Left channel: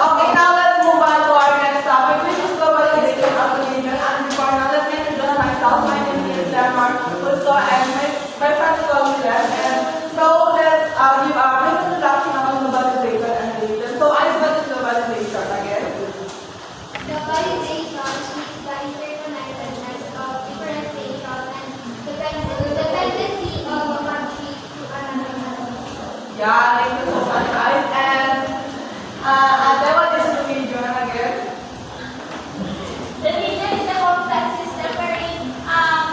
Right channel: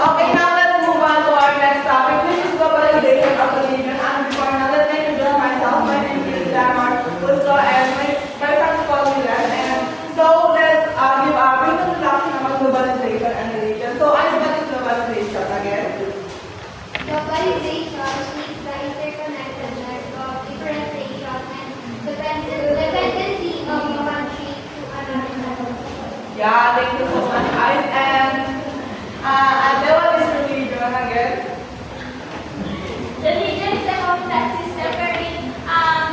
Okay, now let's move on to our next topic, which is globalization of the region. And before now, let me introduce myself. My name is Lamar Russo, and my friends call me Lam. And so let's give a brief introduction about globalization and the region. So I what is globalization again? Globalization means the interconnectedness of different nations and dependency of a country to another country. Yeah, thank you so much, guys. And then what is the region again? The region is a complex system wherein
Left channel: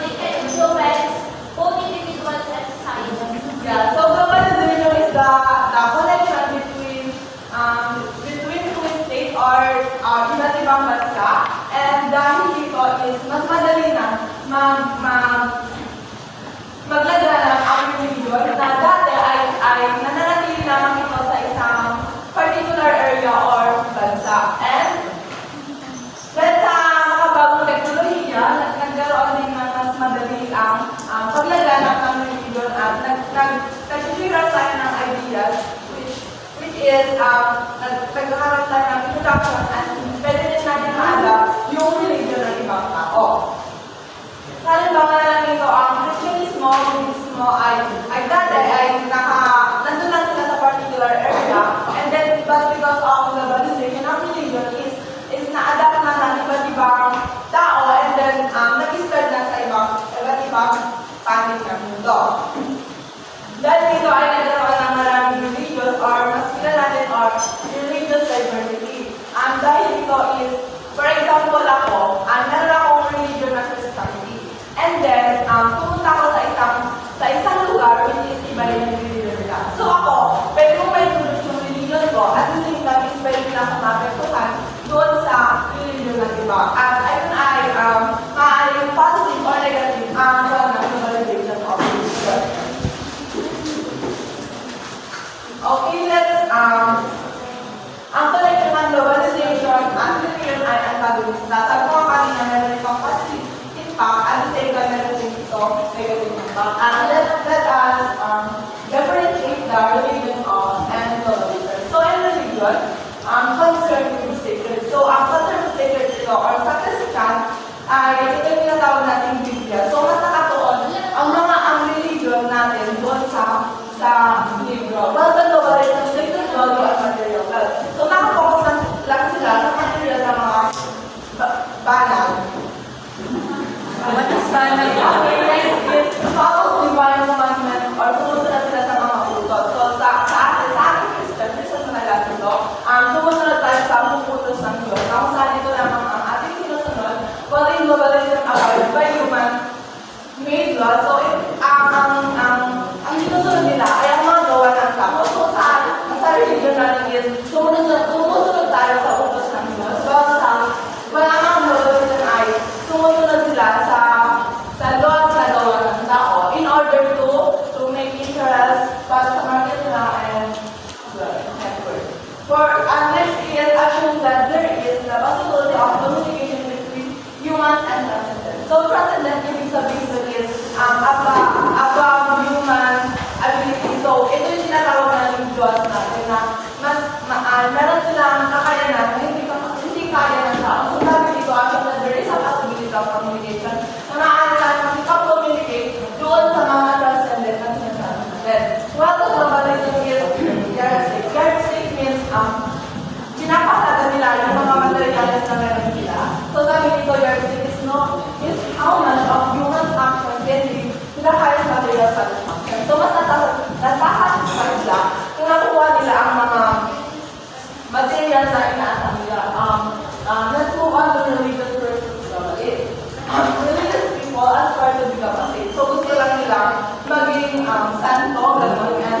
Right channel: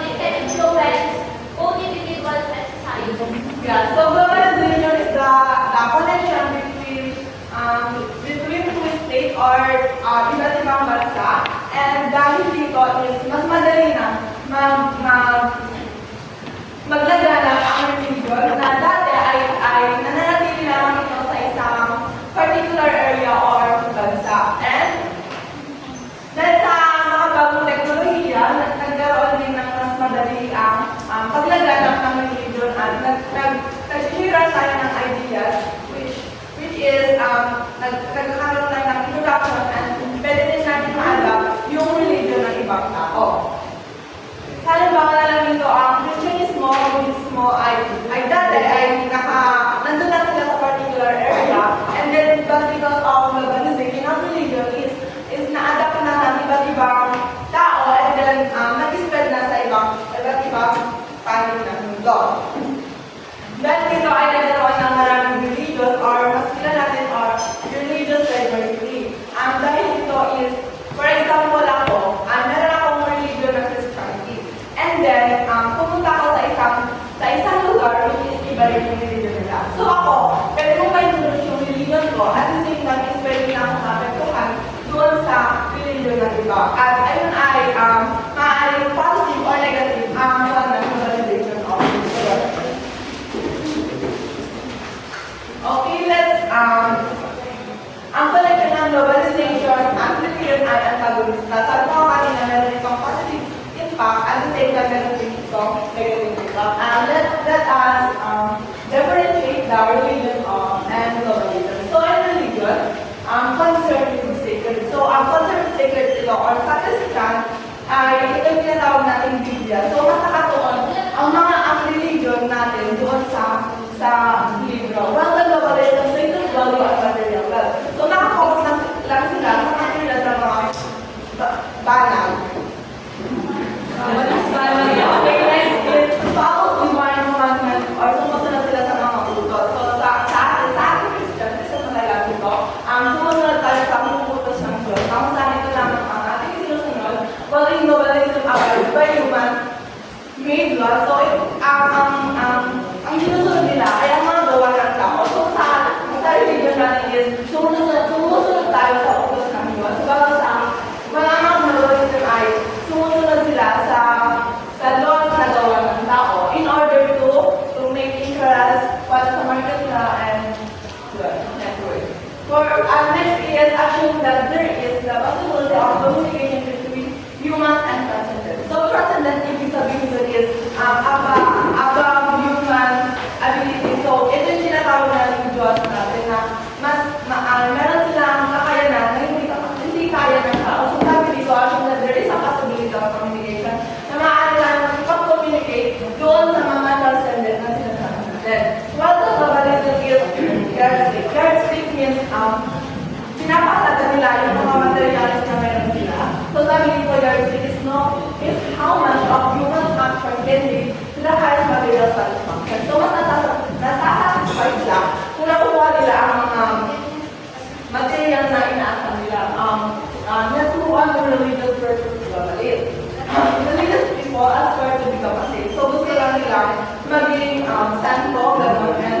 it can influence both individuals and societies. Yeah, so globalization is the connection between two states or iba't ibang bansa. And dahil dito is mas madali na maglaganap ang religion na dati ay nananatili lamang ito sa isang particular area or bansa. And dahil sa makabagong teknolohiya, nagkaroon din ng mas madali ang paglaganap ng religion at nag-share tayo ng ideas which is nagkakaroon tayo ng introduction at pwede din natin ma-adapt yung religion ng ibang tao. Sa halimbawa na lang ito, ang Christianismo, Buddhismo ay dati ay nandun lang sila sa particular area, and then but because of globalization of religion is na-adapt na ng iba't ibang tao, and then nag-spread na sa iba't ibang panig ng mundo. Dahil dito ay nagkaroon ng maraming religious or mas kilala natin or religious diversity. Dahil dito is, for example ako, meron akong religion na Christianity. And then, pumunta ako sa isang lugar which is iba rin yung religion nila. So ako, pwede kong ma-introduce yung religion ko at the same time is pwede nila akong maapektuhan doon sa religion ng iba. At ayun ay maaaring positive or negative ang globalization of religion. Okay, let's ang connection ng globalization, ang religion ay antagonista. Sabi ko kanina, meron itong positive impact, at the same time, meron din itong negative impact. Let us differentiate the religion and globalization. So, in religion, concerned with sacred. So, ang concerned with sacred ito, or sa Christian, ay ito yung tinatawag nating Biblia. So, mas nakatuon ang religion natin doon sa libro. Well, the globalization, so ito value at material. So, nakafocus lang sila sa material na mga banal. Okay, next is follow divine commandments or sumusunod sila sa mga utos. So, sa ating Christian talaga ito, sumusunod tayo sa utos ng Diyos. Kung saan ito naman ang ating sinusunod, while in globalization applied by human-made law. So, ang sinusunod nila ay ang mga gawa ng tao. So, sa religion natin is sumusunod tayo sa utos ng Diyos. Bawat sa mga globalization ay sumusunod sila sa laws na gawa ng tao in order to make interest para sa market nila and network. Next is assume that there is the possibility of communication between humans and transcendent. So transcendent ibig sabihin doon is above human ability. So ito yung tinatawag ng Diyos natin na meron silang kakayanan na hindi kaya ng tao. So sabi dito, assume that there is a possibility of communication na maaari tayo makipag-communicate doon sa mga transcendent na sinasabi natin. Well, the globalism is yardstick. Yardstick means pinapakalaga nila yung mga materials na meron sila. So sabi dito, yardstick is how much of human action can lead to the highest material satisfaction. So mas nasasatisfy sila kung nakuha nila ang mga materials na inaasahan nila. Let's move on to religious versus globalist. Religious people aspire to become a saint. So gusto lang nila maging santo, gano'n,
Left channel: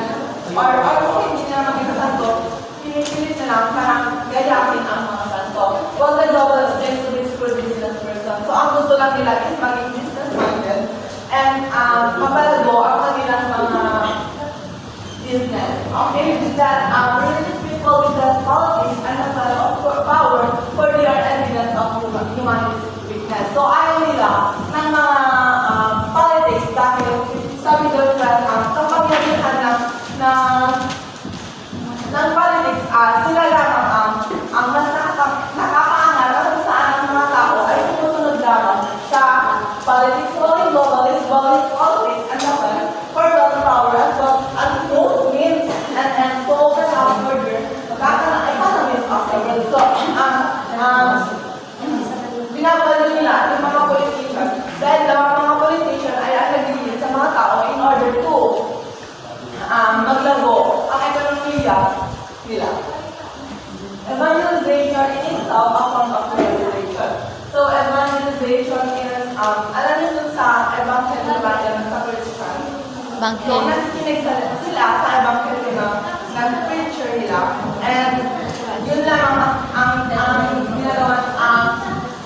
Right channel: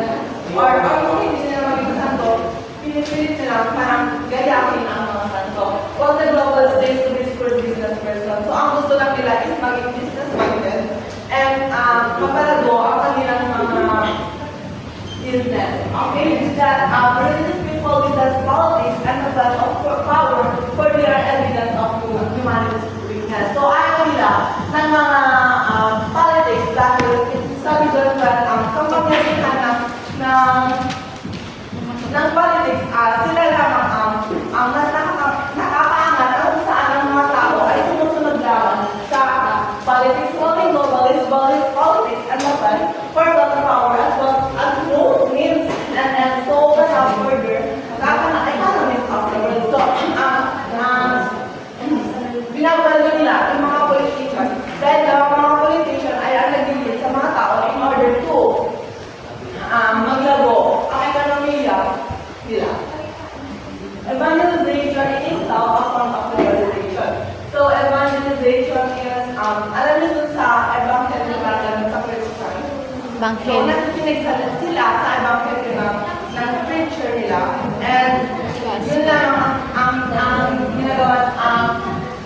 or kung hindi nila maging santo, pinipilit nila parang gayahin ang mga santo. While the globalists tend to be good business person. So ang gusto lang nila is maging business-minded and mapalago ang kanilang mga business. Okay, that religious people with that qualities and a plan of power for their evidence of humanity's weakness. So ayaw nila ng mga politics dahil sabi doon ba ang kapangyarihan ng politics, sila lamang ang ideolohiya nila. Evangelization in itself, a form of globalization. So, evangelization is, alam niyo dun sa evangelium sa Christian, so, nakikinig sila sa evangelium ng preacher nila, and yun lang ang ginagawa,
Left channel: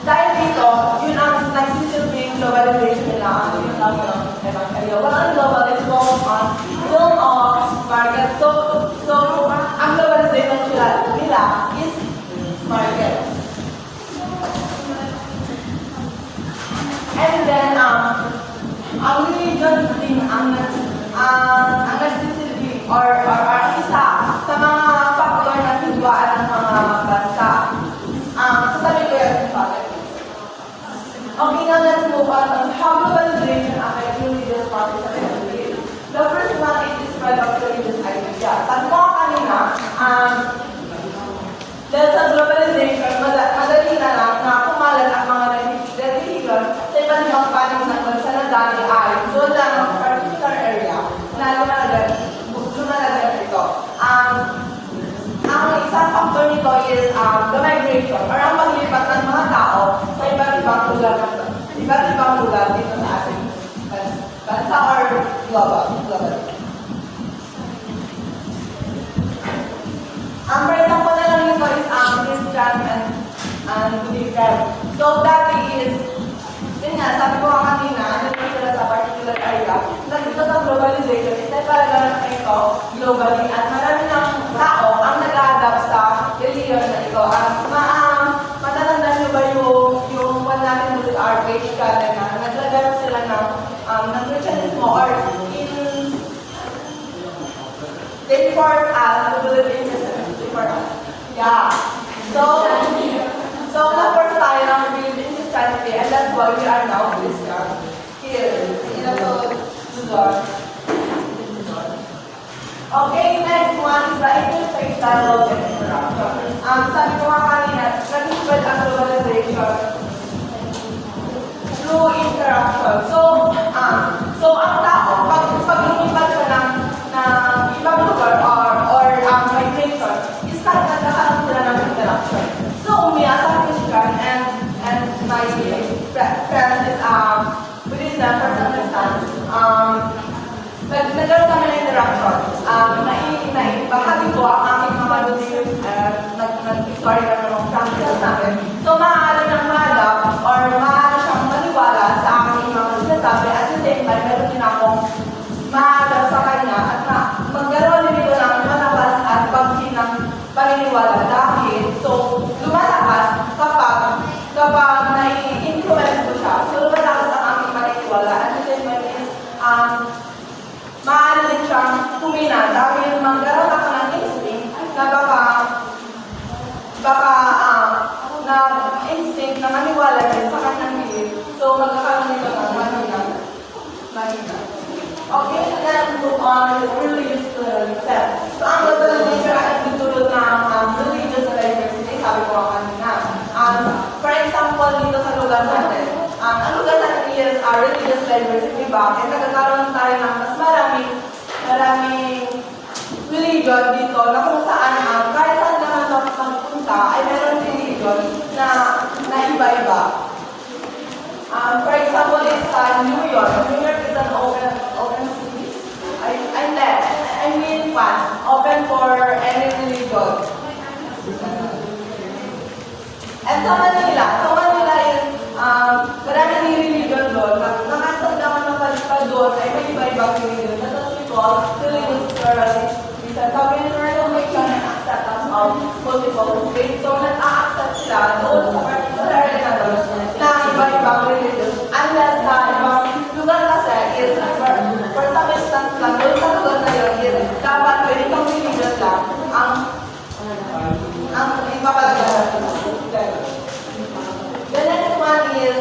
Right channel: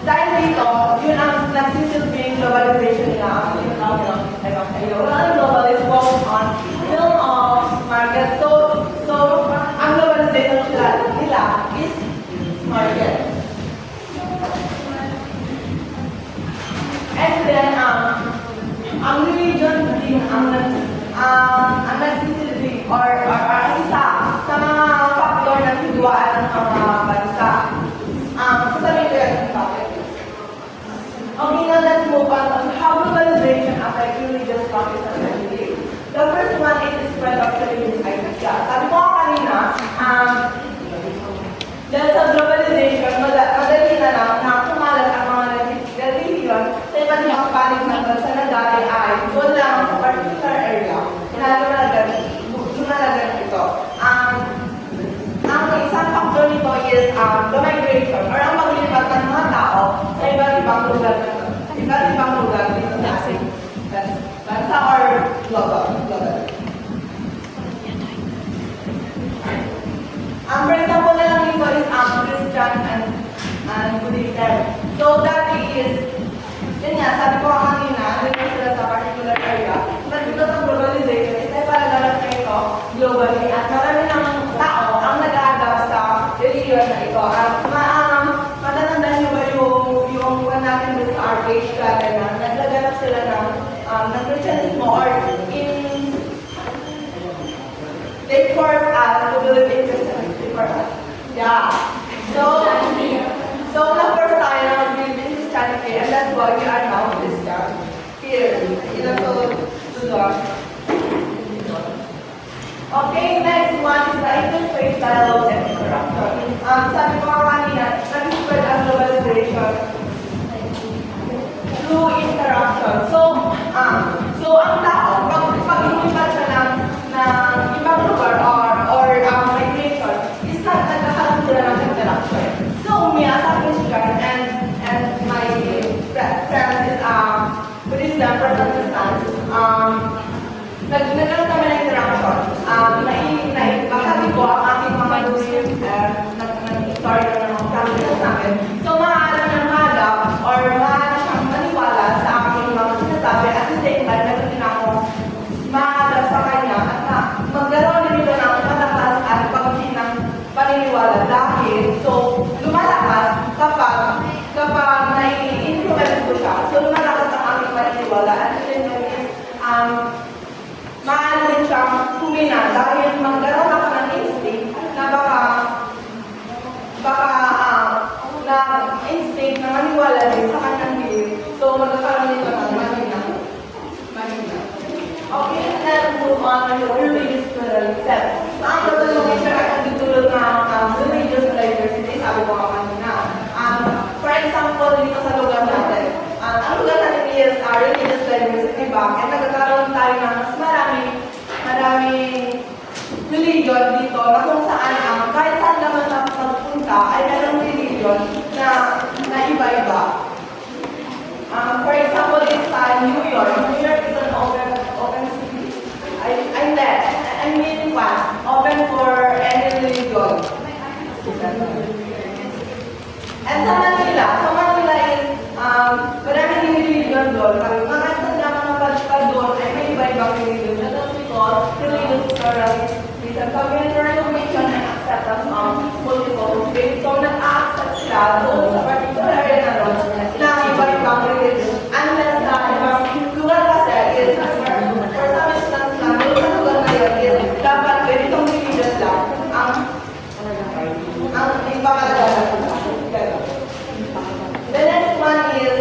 dahil dito, yun ang nagsisilbing globalization nila, yun lang yung evangelium. Walang globalization focus on film of market. So, ang globalization nila is market. And then, ang religion din ang nagsisilbi or ang isa sa mga factor na hidwaan ng mga bansa. Sasabihin ko yan bakit. Okay, now let's move on how globalization affects religious practice and belief. The first one is the spread of religious ideas. Sabi ko kanina, dahil sa globalization, madali na lang na kumalat ang mga religion sa iba't ibang panig ng bansa na dati ay doon lang sa particular area, lumalagan ito. Ang isang factor nito is the migration or ang paglipat ng mga tao sa iba't ibang lugar dito sa ating bansa or global. For example na lang dito is Christian and Buddhism. So that is, yun nga, sabi ko kanina, nandito sila sa particular area, na dito sa globalization, is na ipalaganap na ito globally at marami ng tao ang nag-a-adapt sa religion na ito. Matatandaan nyo ba yung one natin dito sa RH garden na naglaganap sila ng Christianismo or they force us to believe in Christianity for us. Yeah. So na-force tayo na believe in Christianity and that's why we are now Christian. Here, in the Lord. Okay, next one is the interfaith dialogue and interaction. Sabi ko nga kanina, nag-spread ang globalization through interaction. So ang tao, pag lumipat siya ng ibang lugar or migration, is nagkakaroon sila ng interaction. So, sa Christian and my friends is Buddhism, for some instance, nagkaroon kami ng interaction. Bahagi ko ang aking mga beliefs, nag-story na ng mga practices namin. So, maaari nang ma-adapt or maaari siyang maniwala sa aking mga sinasabi. At the same time, meron din akong ma-adapt sa kanya at magkaroon din ito ng malakas at paghinang paniniwala dahil lumalakas kapag nai-influence ko siya. So, lumalakas ang aking paniniwala at the same time is maaari din siyang humina dahil magkaroon ako ng instinct na instinct na maniwala din sa kanyang belief. So, magkakaroon nito ng mahina. Okay, then move on to religious pluralism. So, ang globalization ay nagtutulot ng religious diversity, sabi ko kanina. For example, dito sa lugar natin, ang lugar natin is religious diversity. Bakit? Nagkakaroon tayo ng mas maraming religion dito na kung saan kahit saan naman magpunta ay meron religion na iba-iba. For example, is New York. New York is an open city. Open for any religion. And sa Manila is maraming religion doon. Nakasad naman ng doon ay may iba-ibang religion. That's we call religious pluralism. Sabi ng recognition and acceptance of multiple faiths. So, nag-a-accept sila doon sa particular area na doon ng iba-ibang religion. Unless sa ibang lugar kasi is for some instance lang, doon sa lugar na yun is dapat ganitong religion lang ang ipapalagalan. The next one is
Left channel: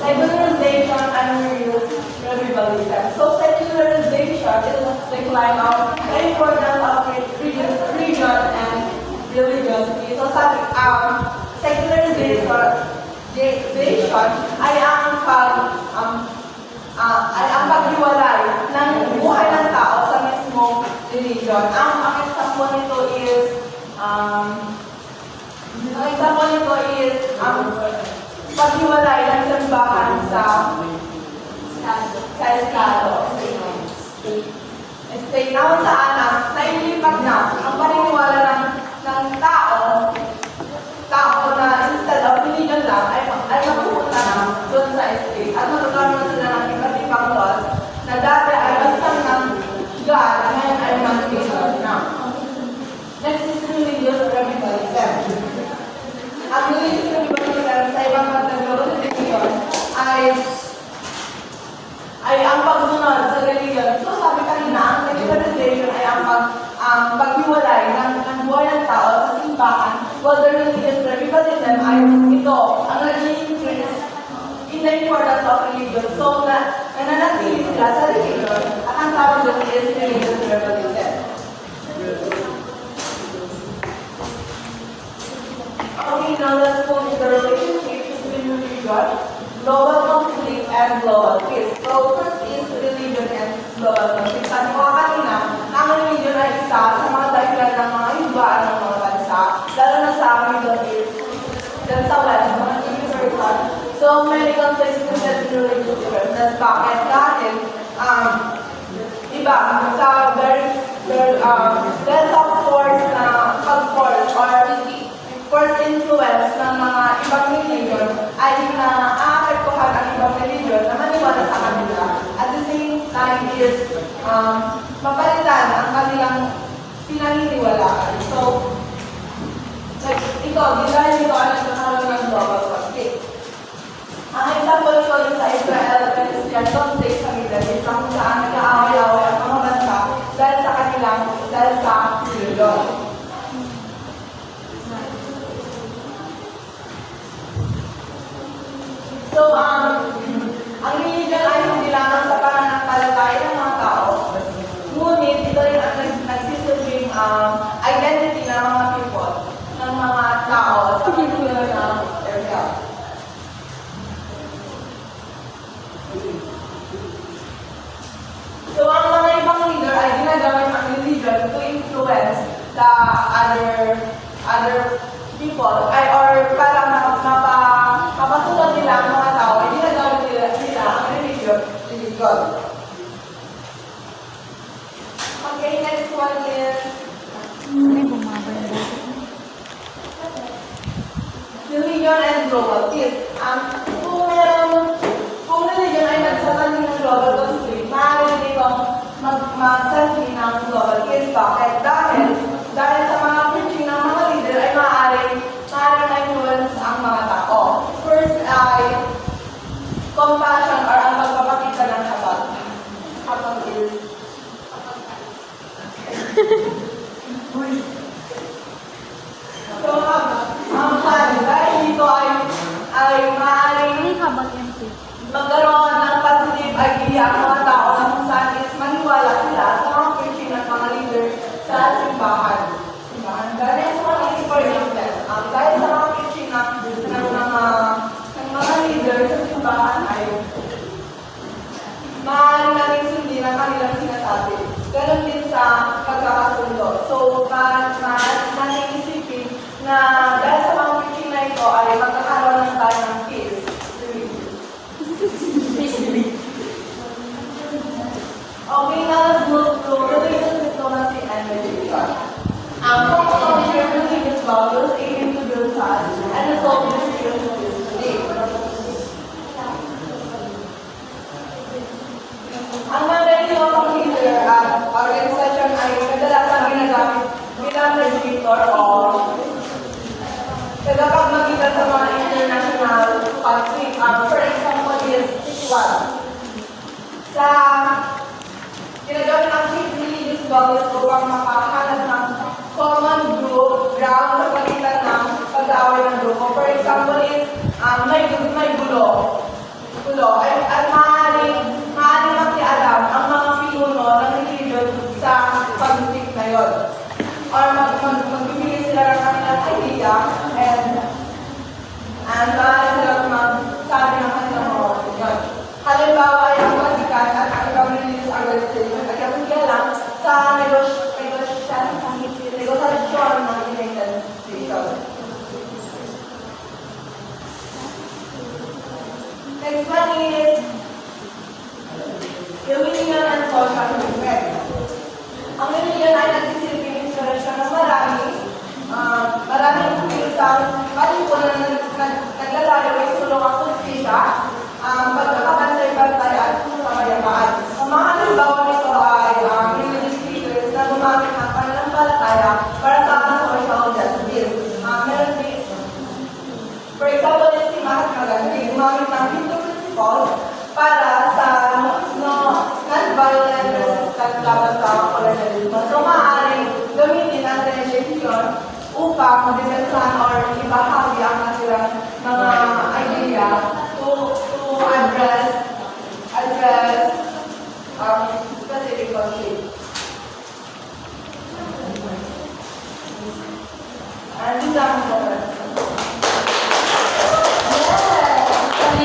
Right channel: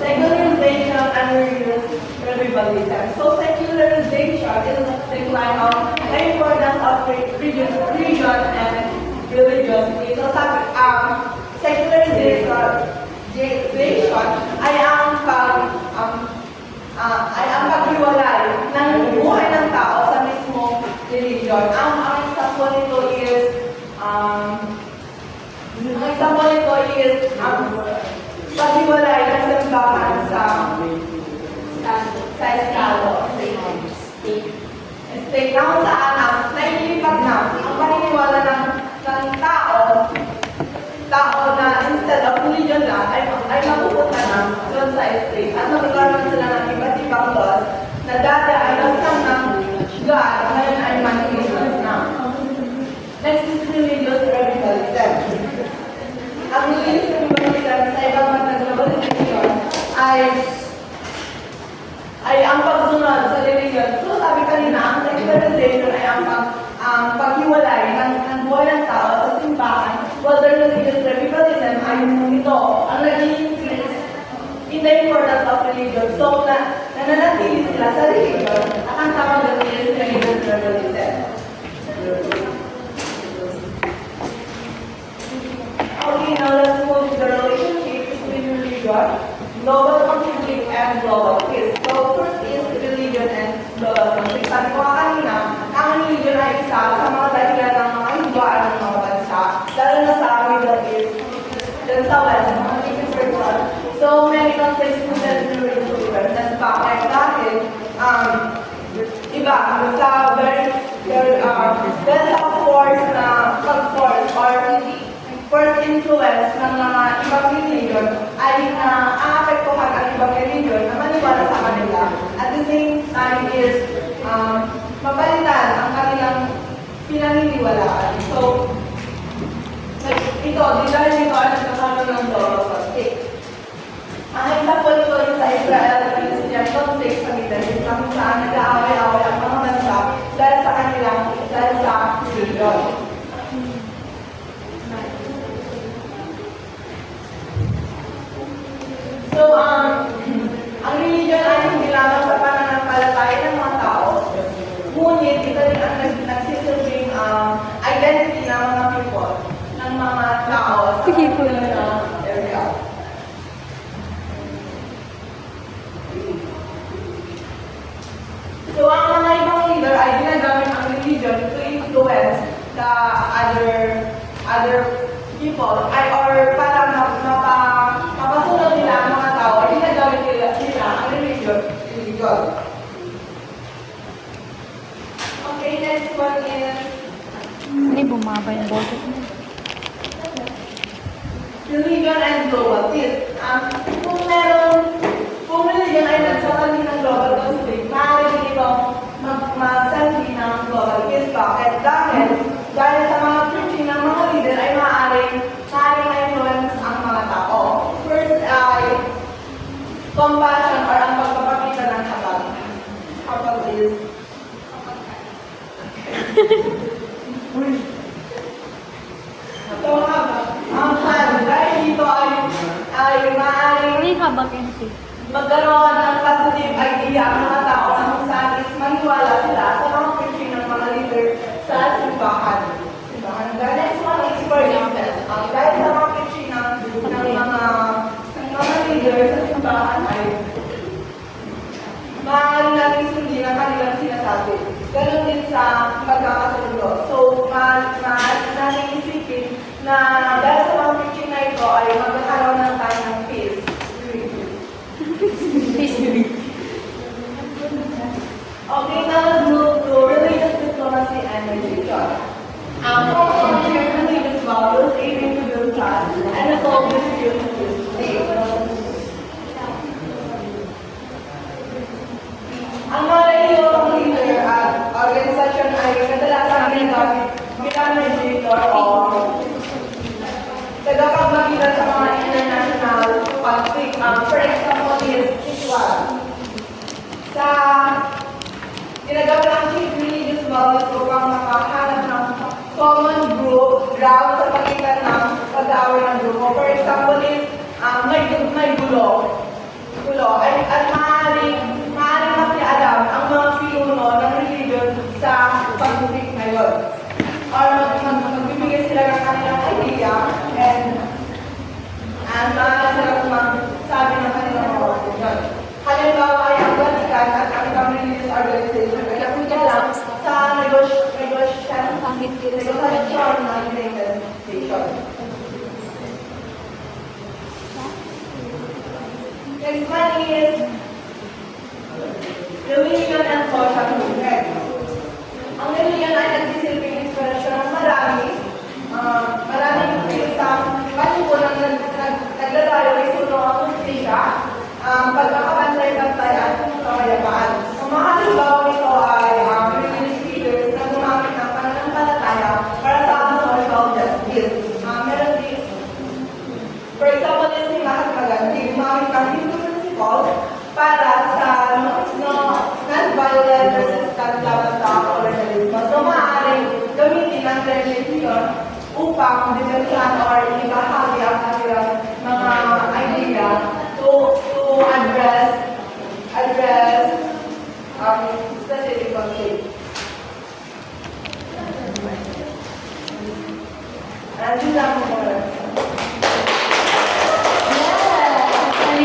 secularization and religious revivalism. So secularization is the decline of the importance of religion and religiosity. So secularization ay ang paghiwalay ng buhay ng tao sa mismong religion. Ang example nito is, paghiwalay ng simbahan sa Estado. State na kung saan naililipat na ang paniniwala ng tao na instead of religion lang ay mapupunta na doon sa state at magkakaroon sila ng iba't ibang laws na dati ay basta ng God, ngayon ay man-religious na. Next is religious radicalism. Ang religious radicalism sa ibang globalization ay ang pagsunod sa religion. So sabi kanina, ang secularization ay ang paghiwalay ng buhay ng tao sa simbahan, while the religious radicalism ay ito, ang nag-i-increase in the importance of religion. So nananatili sila sa religion at ang tawag doon is religious radicalism. Okay, now let's move to the relationship between religion, global conflict, and global peace. So first is religion and global conflict. Sabi ko kanina, ang religion ay isa sa mga dahilan ng mga higuan ng mga bansa, lalo na sa Middle East, dyan sa West, mga universal. So many conflicts resulted in religious differences. Bakit? Dahil, iba, sa dahil sa force na pag-force or first influence ng mga ibang religion ay naaapektuhan ang ibang religion na maniwala sa kanila. At the same time is mapalitan ang kanilang pinaniniwalaan. So, dahil dito ay nagkakaroon ng global conflict. Ang example ito is sa Israel at Palestine conflict sa Middle East kung saan nag-aaway-away ang mga bansa dahil sa religion. So, ang religion ay hindi lamang sa pananampalataya ng mga tao, ngunit ito rin ang nagsisilbing identity ng mga people, ng mga tao sa kanilang area. So, ang mga ibang leader ay ginagamit ang religion to influence the other people, or para mapasunod nila ang mga tao, ay ginagamit nila ang religion. Okay, next one is Hindi bumaba yung boses mo. religion and global peace. Kung religion ay nagsasalin ng global conflict, maaaring itong magsalin ng global peace. Bakit? Dahil sa mga preaching ng mga leader ay maaaring ma-influence ang mga tao. First ay compassion or ang pagpapakita ng habag. Habag is so habag. Dahil dito ay maaaring Ano yung habag MC? magkaroon ng positive idea ang mga tao na kung saan is maniwala sila sa mga preaching ng mga leader sa simbahan. The next one is forgiveness. Dahil sa mga preaching ng mga leader sa simbahan ay maaaring natin sundin ang kanilang sinasabi. Ganon din sa pagkakasundo. So, maaaring natin isipin na dahil sa mga preaching na ito ay magkakaroon ng tayo ng peace. Okay, now let's move to religious diplomacy and religion. Share religious values aiming to build trust and resolve disputes peacefully. Ang mga religious leader at organisasyon ay kadalasan ginagamit bilang mediator o tagapagmagitan sa mga international conflict. For example, is Islam. Sa ginagamit ang chief religious values upang makahanap ng common ground sa pagitan ng pag-aaway ng grupo. For example, is may gulo. At maaaring makialam ang mga pinuno ng religion sa pag-conflict na yun. Or magbibigay sila ng kanilang idea and maaaring sila magsabi ng kanilang mga opinion. Halimbawa ay ang Vatican at ang ibang religious organization ay kapag lang sa is religion and social movement. Ang religion ay nagsisilbing inspirasyon ng maraming isang palipunan na naglalayo ay sulong ang kustisya, pagkakabantay-bantay at kapayapaan. Ang mga halimbawa nito ay religious leaders na gumamit ng pananampalataya para sa social justice. Meron din, for example, si Mahatma Gandhi, gumamit ng Hindu principles para sa non-violent resistance laban sa colonialismo. So, maaaring gamitin ang religion upang dimensahan or ibahagi ang kanilang mga idea to address specific conflict. And this lang po.